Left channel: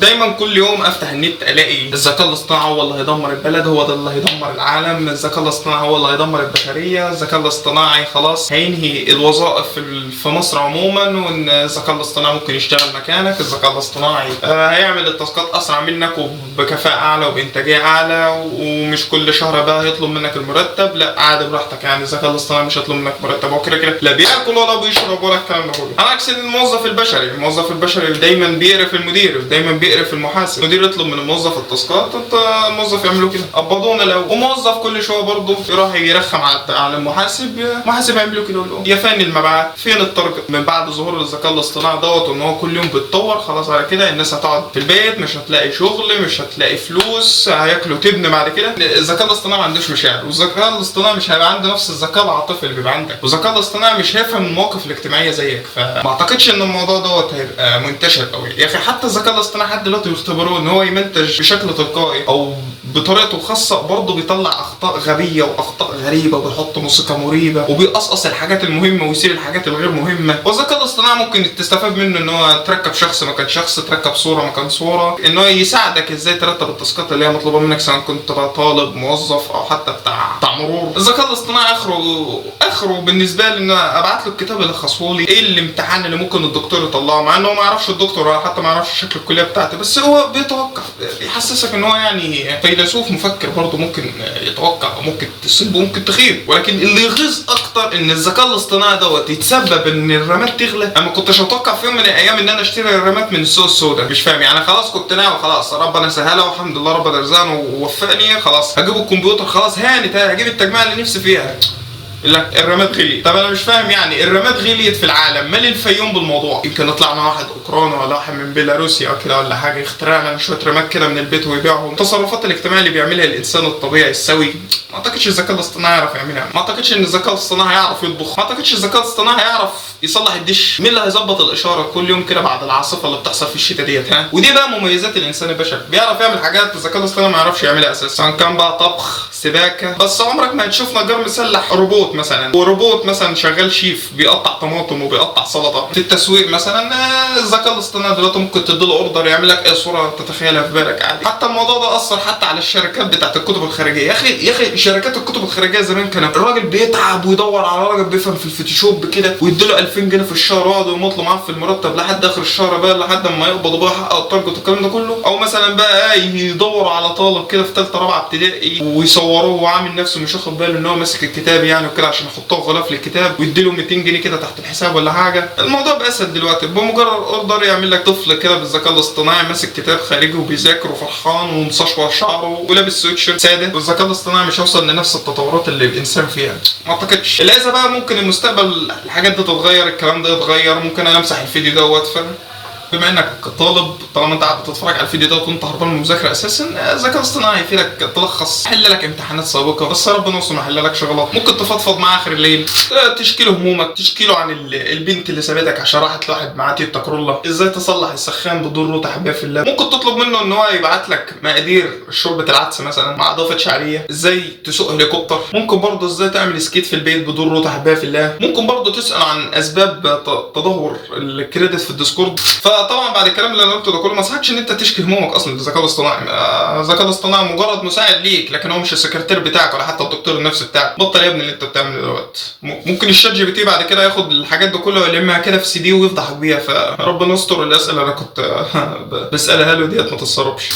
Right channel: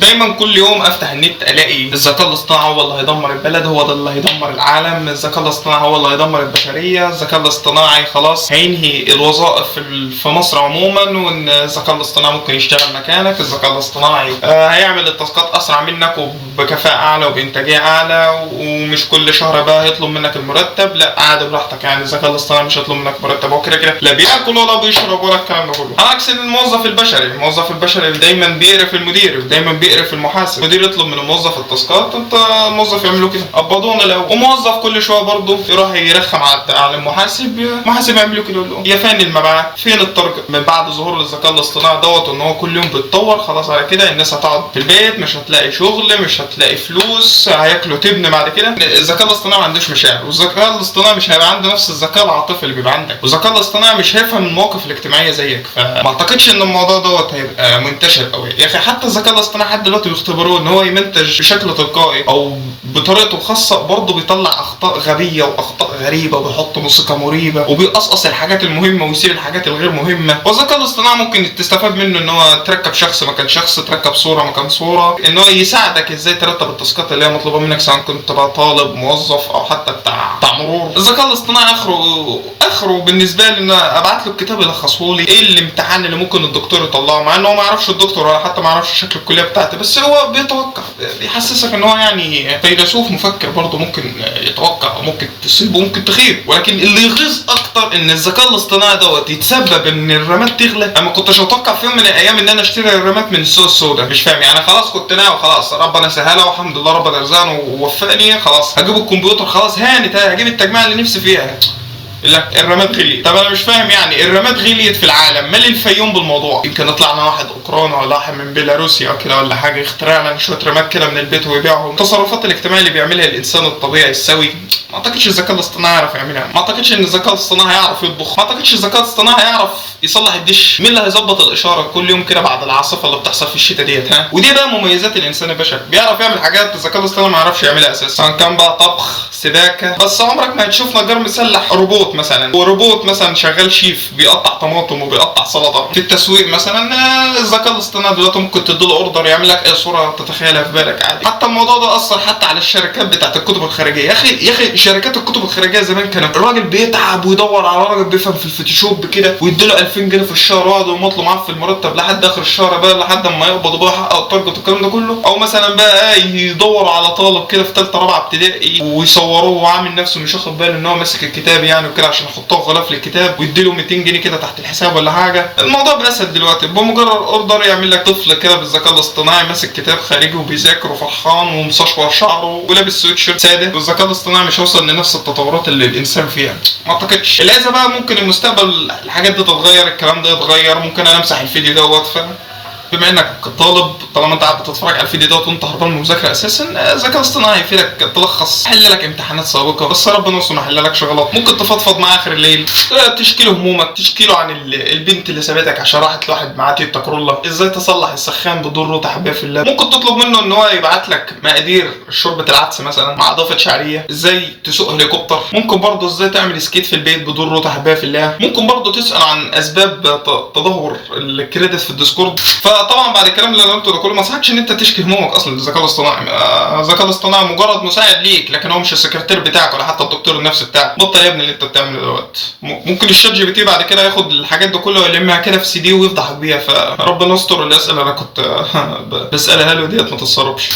دايما كل يوم افتح النت الاقي الذكاء الاصطناعي هو اللي هيدمر البلد، هو ده اللي هيدمر العالم، الذكاء الاصطناعي هو اللي هيدمر البشريه، الذكاء الاصطناعي خلاص هينهي الوظائف في مصر عموما، وان الذكاء الاصطناعي ممكن يشتغل مكانك، الذكاء الاصطناعي هيعمل التاسكات اسرع منك وبكفاءه اعلى وبانتاجيه اعلى، ومش كل شهر بقى هيطلب منك المرتب، لا عادي براحتك، يعني الذكاء الاصطناعي مش هيطلب منك مرتب، هو كده كده لا بياكل ولا بيشرب ولا الكلام ده كله، على عكس الموظف البشري. الموظف البشري دايما بيقرف المدير، دايما بيقرف المحاسب، المدير يطلب من الموظف التاسكات، انت الموظف يعمله كده قبضونا الاول، وموظف كل شويه برضه يروح يرخم على المحاسب، المحاسب يعمله كده يقول له يا فين المبيعات، فين التارجت. من بعد ظهور الذكاء الاصطناعي دوت ان هو كل يوم بيتطور، خلاص على كده الناس هتقعد في البيت، مش هتلاقي شغل، مش هتلاقي فلوس، هياكلوا تبن بعد كده. الذكاء الاصطناعي ما عندوش مشاعر، والذكاء الاصطناعي مش هيبقى عنده نفس الذكاء العاطفي اللي بيبقى عندك، والذكاء الاصطناعي مش هيفهم المواقف الاجتماعيه زيك، فما اعتقدش ان الموضوع دوت هيبقى منتشر قوي. يا اخي حتى الذكاء الاصطناعي لحد دلوقتي بيختبروه ان هو يمنتج بشكل تلقائي او بطريقته الخاصه، برضه بيطلع اخطاء غبيه واخطاء غريبه، وبيحط موسيقى مريبه، وبيقصقص الحاجات المهمه ويسيب الحاجات الغير مهمه. والذكاء الاصطناعي ممكن تستفاد منه ان هو تركب شخص مكان شخص، تركب صوره مكان صوره، ان هو يساعدك ازاي ترتب التاسكات اللي هي مطلوبه منك، سواء كنت بقى طالب موظف او حتى بتاع مرور. الذكاء الاصطناعي اخره بالنسبه لي ان ابعت له الكتاب يلخصه لي، ايه الامتحان اللي ممكن الدكتور يطلعه، مع ان هو ما يعرفش الدكتور ولا حتى ما يعرفش شكل الكليه بتاعتي، بس هو بيتوقع، بيحسسك ان هو يعني فيلسوف مفكر برضه، ممكن يتوقع وممكن تصيب وممكن تخيب. ولكن اللي يغيظ اكتر ان الذكاء الاصطناعي دوت يتسبب ان الرامات تغلى. انا ما كنتش اتوقع في يوم من الايام ان انا اشتري الرامات من السوق السوداء، مش فاهم يعني، خلاص كنت ناوي خلاص ربنا سهلها والحمد لله ربنا رزقني ووفقني، خلاص هجيب الكمبيوتر، خلاص هانت هجيب التجميع اللي نفسي فيها، لك الرامات غليت. طب انا مش فاهم يعني الرامات غليت في العالم، مال الفيوم بالموضوع؟ يمكن يطلع لنا واحد اوكراني ولا واحد من بيلاروسيا او كده ولا حاجه، يخترع لنا شويه رامات كده من البيت ويبيعهم. التصرفات الاجتماعيه اللي بيعملها الانسان الطبيعي السوي، ما اعتقدش الذكاء الاصطناعي يعرف يعملها، ما اعتقدش ان الذكاء الاصطناعي هيعرف يطبخ، ما اعتقدش الذكاء الاصطناعي هيعرف يصلح الدش. مين اللي هيظبط الاشاره كل يوم كده بعد العاصفه اللي بتحصل في الشتاء ديت؟ ها، ودي بقى مميزات الانسان البشري، بيعرف يعمل حاجات الذكاء الاصطناعي ما يعرفش يعملها اساسا، سواء كان بقى طبخ، سباكه. بس عمرك ما هتشوف نجار مسلح روبوت مثلا، وروبوت مثلا شغال شيف بيقطع طماطم وبيقطع سلطه. في التسويق مثلا الذكاء الاصطناعي دلوقتي ممكن تديله اوردر يعمل لك اي صوره تتخيلها في بالك عادي. حتى الموضوع ده اثر حتى على الشركات بتاعت الكتب الخارجيه. يا اخي شركات الكتب الخارجيه زمان كان الراجل بيتعب ويدور على راجل بيفهم في الفوتوشوب كده، ويديله 2000 جنيه في الشهر ويقعد يمطله معاه في المرتب لحد اخر الشهر بقى، لحد ما يقبض وبقى يحقق التارجت والكلام ده كله. او مثلا بقى يدوروا على طالب كده في ثالثه رابعه ابتدائي ويصوروه وعامل نفسه مش واخد باله ان هو ماسك الكتاب يعني وكده، عشان يحطوه غلاف للكتاب ويديله 200 جنيه كده تحت الحساب ولا حاجه. الموضوع بقى اسهل دلوقتي، بمجرد اوردر يعمل لك طفل كده بالذكاء الاصطناعي ماسك كتاب خارجي وبيذاكر وفرحان ومسشور شعره ولابس سويتشيرت ساده. والذكاء الاصطناعي مش هيوصل لنفس التطورات اللي الانسان فيها، ما اعتقدش. الا بقى ممكن المستقبل الحاجات دي تتغير، الكلام ده يتغير، ممكن انا امسح الفيديو دوت. بما انك طالب، طالما انت قاعد بتتفرج على الفيديو دوت وانت هربان من المذاكره اساسا، الذكاء الاصطناعي هيفيدك تلخص، حل لك امتحانات سابقه، بس ربنا يستر ما يحللكش غلط. ممكن تفضفض معاه اخر الليل، تشكي له همومك، تشكي له عن البنت اللي سابتك عشان راحت لواحد معاه تويوتا كرولا، ازاي تصلح السخان بدون روتا حبايه في الله. ممكن تطلب منه ان هو يبعت لك مقادير شوربه العدس مثلا مع اضافه شعريه، ازاي تسوق هليكوبتر. ممكن برضه ازاي تعمل سكيت في البيت بدون روتا حبايه في الله. ممكن برضه تسال عن اسباب تدهور الكريدت في الديسكورد. فطبعا بعد الكلام اللي انا قلته ده كله ما صحكش ان انت تشكي همومك اصلا للذكاء الاصطناعي. الذكاء الاصطناعي مجرد مساعد ليك، لكن هو مش السكرتير بتاعك ولا حتى الدكتور النفسي بتاعك. بطل يا ابني اللي انت بتعمله دوت. ممكن الشات جي بي تي بعد كده ياخد الحاجات دي كلها ويلمها كده في سي دي ويفضحك بيها. فربنا يستر الاسئله انا كنت بسالها له ديت ما تتسربش.